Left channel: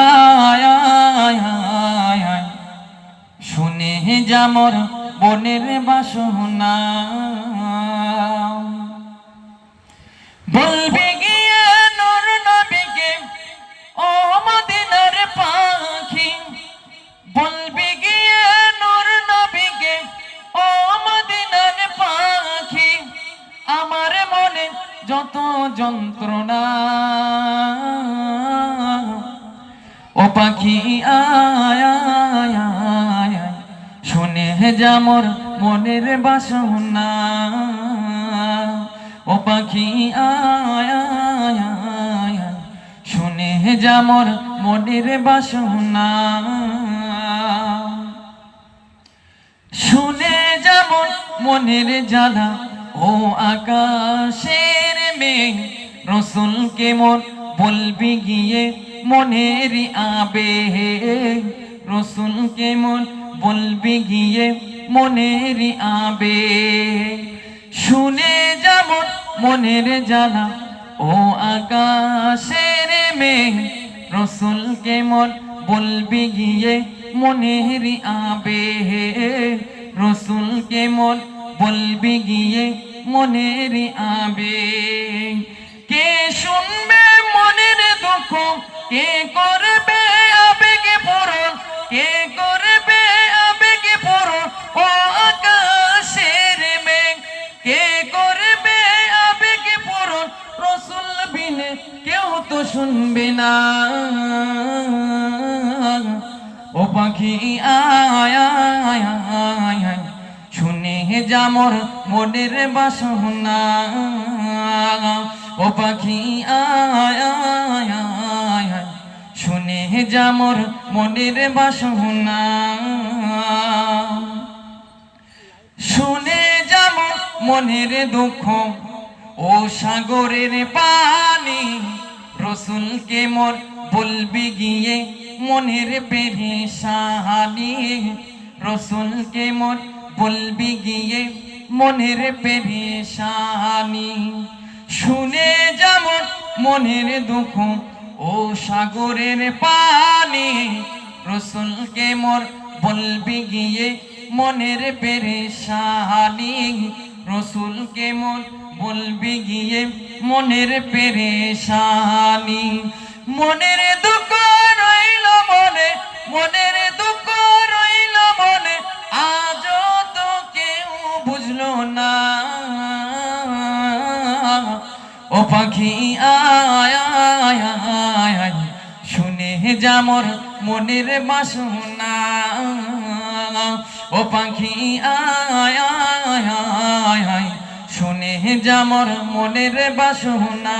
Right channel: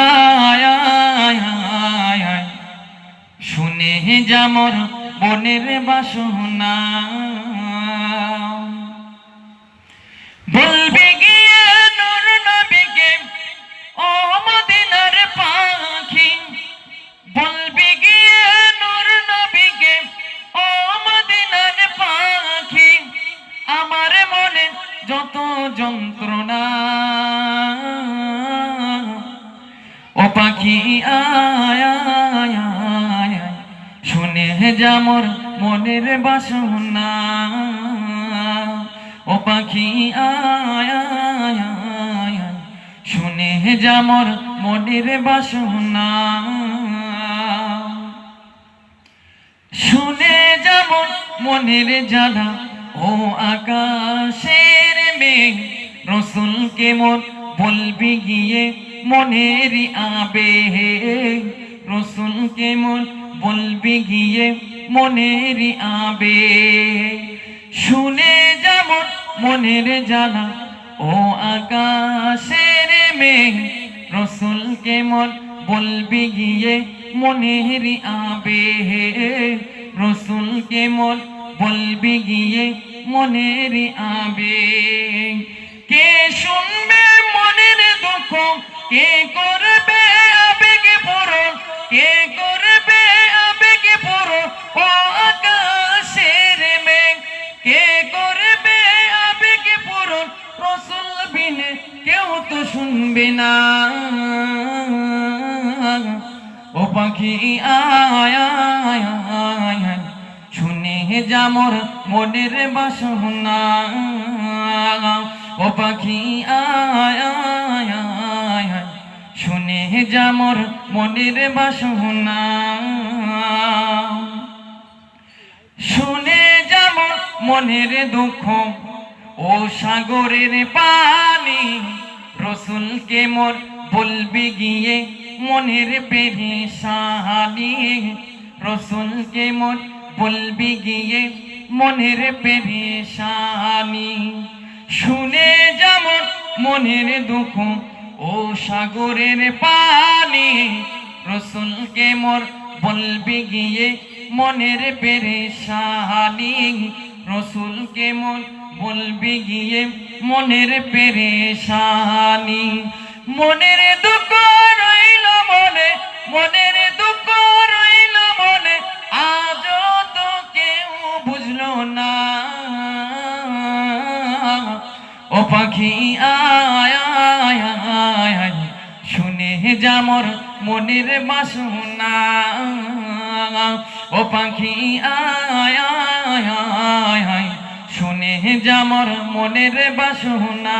আয় আয় আয় আয়, শুনে যা মোর মনের বাসনা। বলবি গিয়ে নূর নবীকে ও মদিনার পাখি, বলবি গিয়ে নূর নবীকে ও মদিনার পাখি, আমার মনে যত যন্ত্রণা। ও পাখি আয় আয় আয়, শুনে যা মোর মনের বাসনা। ও পাখি আয় আয় আয়, শুনে যা মোর মনের বাসনা। শুনে যা মোর মনের জ্বালা ও আকাশের মেঘ, রসুলকে মোর বলবি গিয়ে মনের আবেগ, রসুলকে মোর বলবি গিয়ে মনের আবেগ। শুনে যা মোর মনের জ্বালা ও আকাশের মেঘ, রসুলকে মোর বলবি গিয়ে মনের আবেগ, রসুলকে মোর বলবি গিয়ে মনের আবেগ। কে শুনবে মনের দুঃখ, কে করবে আবেগে পূরণ, কে করবে আবেগে পূরণ ও আকাশের মেঘ, কে করবে আবেগে পূরণ, রসুল বিনে কেউ তো শুনবে না। ও পাখি আয় আয় আয়, শুনে যা মোর মনের বাসনা। ও পাখি আয় আয় আয়, শুনে যা মোর মনের বাসনা। শুনে যা মোর মনের দুঃখ ও সাগরের পানি, রসুলকে মোর বলবি গিয়ে মনের পেরেশানি, রসুলকে মোর বলবি গিয়ে মনের পেরেশানি। শুনে যা মোর মনের দুঃখ ও সাগরের পানি, রসুলকে মোর বলবি গিয়ে মনের পেরেশানি, রসুলকে মোর বলবি গিয়ে মনের পেরেশানি। মনের দুঃখ রইল মনে, মনের দুঃখ রইল মনে, আজও তো কেউ বুঝলো না। ও পাখি আয় আয় আয়, শুনে যা মোর মনের বাসনা। ও পাখি আয় আয় আয়, শুনে যা মোর মনের বাসনা।